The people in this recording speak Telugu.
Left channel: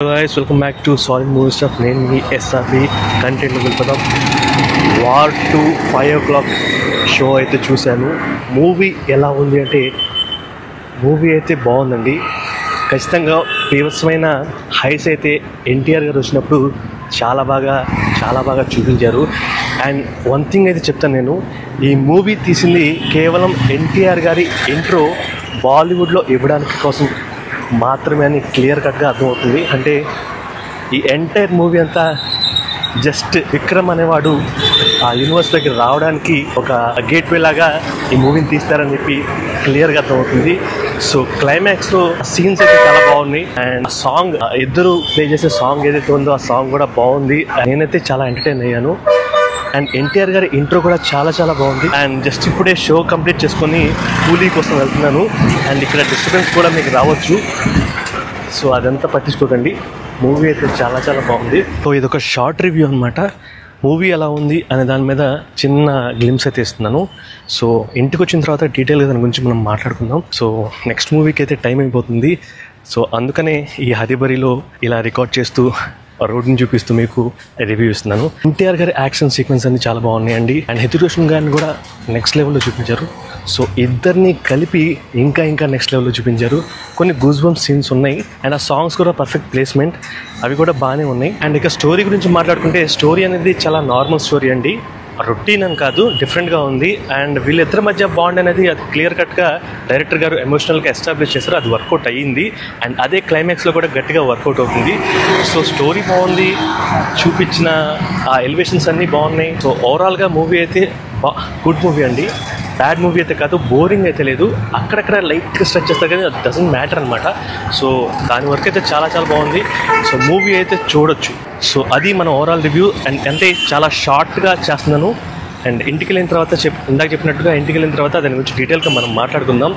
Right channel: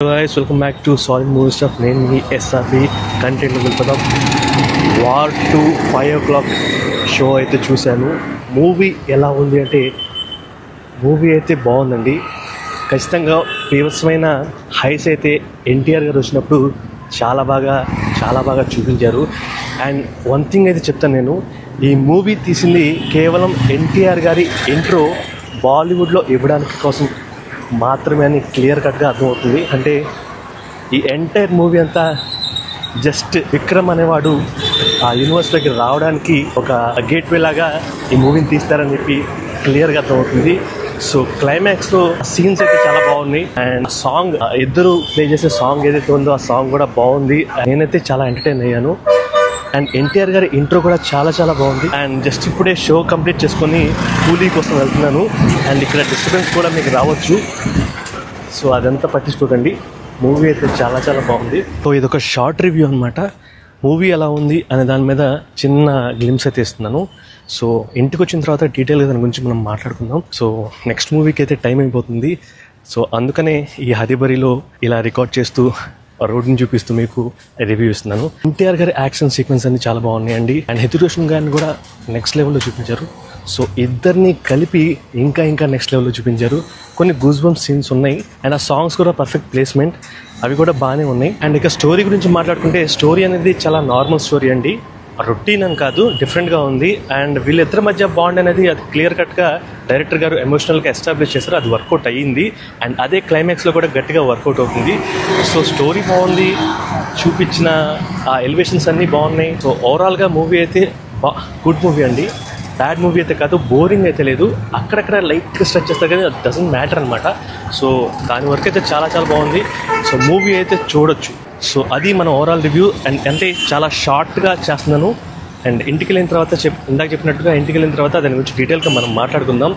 guys, welcome back to Solid Movie Stuff. నేను మీ ఎస్ఆర్బి కంటెంట్ వెళ్తున్నాం. వార్ 2 5 o'clock షో అయితే చూశాను. మూవీ ఎలా ఉంది అంటే మూవీ అయితే బాగుందండి. ఖచ్చితంగా ఫేమస్మైన హైస్ అయితే ఎన్టీఆర్ గారు వచ్చినప్పుడు చాలా బాగా చూపించారు. అండ్ వన్ థింగ్ అయితే చెప్తాను, నేను ఈ మూవీ తీసింది కేవలం ఎన్టీఆర్ గారి ఇంట్రో బాలీవుడ్లో ఇవ్వడానికి కోసం మాత్రమే అని క్లియర్ కట్గా అర్థమవుతుంది. అంటే ఈ ఎంటైర్ మూవీ అంతా జస్ట్ విక్రమ్ అనేవాడు ఆ యూనివర్స్లోకి రావడానికి ఒక గేట్వే లాగా ఈ మూవీని తీస్తారని చెప్పి క్లియర్గా అర్థమవుతుంది. సో క్లైమాక్స్లో సీన్స్ అయితే చాలా బాగున్నాయి. అండ్ సాంగ్ ఇద్దరు ప్లే చేసే సాంగ్ ఏదైతే ఉందో ఆ సాంగ్ కూడా బాగుంది. నేనైతే చాలా ఎంటర్టైన్ అయ్యాను. అండ్ ఎన్టీఆర్ గారి ఇంట్రో కూడా చాలా బాగుంది. అండ్ జస్ట్ ఇప్పుడే షో కంప్లీట్ చేసుకొని కూలీ కోసం వెళ్తున్నాను. అండ్ ఇక్కడ డిస్టర్బెన్స్ కూడా మీకు రావచ్చు, సో అదంతా పట్టించుకోకండి. మూవీ అయితే చాలా బాగుంది. సో ఇదొక షార్ట్ రివ్యూ అనమాట. మూవీ ఎలా ఉంది అనే దాని మీద చిన్న గ్లిమ్స్ అయితే ఇస్తున్నాను. సో ఇంటికి వచ్చిన తర్వాత డీటెయిల్గా దాని గురించి మనం మాట్లాడుకుందాం. సో నెక్స్ట్ మూవీకి అయితే టైం అయిపోతుంది. సో అందుకనే ఈ హరిబరిలో ఇలా రికార్డ్ చేస్తూ రోడ్ని చూపిస్తూ మీకు రివ్యూ ఇస్తున్నాను. ఎన్టీఆర్ గారి యాక్షన్ సీక్వెన్స్ అన్ని చాలా బాగున్నాయండి. అండ్ హిత్ రోషన్ గారిని కూడా నెక్స్ట్ లెవెల్లో చూపించారు. సో ఇద్దరిని కలిపి ఇంకా నెక్స్ట్ లెవెల్లో చూపించారు. కొన్ని గూస్ బంప్స్ సీన్స్ ఉన్నాయి. అండ్ ఆ సాంగ్స్ కూడా పర్ఫెక్ట్ ప్లేస్మెంట్, అవి కూడా బాగానే ఉన్నాయి. అండ్ ఇక స్టోరీ గురించి మాట్లాడుకుంటే స్టోరీ అనేది చాలా నార్మల్ స్టోరీ అండి, రొటీన్ అని కాదు, డిఫరెంట్గా ఉంది. అండ్ వీళ్ళిద్దరి మధ్య బాండ్ అనేది అది క్లియర్ కట్గా డైరెక్టర్ గారు ఎమోషనల్గా ఎస్టాబ్లిష్ చేశారు. అది వర్కౌట్ అయ్యింది. అండ్ అదే క్లైమాక్స్లో కూడా గట్టిగా వర్కౌట్ అవుతుంది. సో స్టోరీ బాగుంది, చూపించిన ఆ ఎలివేషన్స్ అన్నీ బాగున్నాయి. సో ఓవరాల్గా మూవీ అయితే గుడ్ మూవీ అండి. బ్యాడ్ మూవీ అయితే కాదు, బోరింగ్ అయితే లేదు. అక్కడక్కడ లైట్గా స్ట్రెచ్ చేస్తారు కానీ అది డజంట్ మ్యాటర్ అనమాట. సో దాని వరకు అయితే చాలా బాగుంది. సో మూవీ అయితే చూడొచ్చు. సో అది మన ఓవరాల్ రివ్యూ. అండ్ అంటే చాలా షార్ట్గా చేస్తున్నాను. అండ్ ఇంటికి వెళ్ళిన తర్వాత ఇందాక చెప్పినట్టుగా ఇంటికి వెళ్ళిన తర్వాత దాని గురించి డీటెయిల్గా మనం మాట్లాడుకుందాం.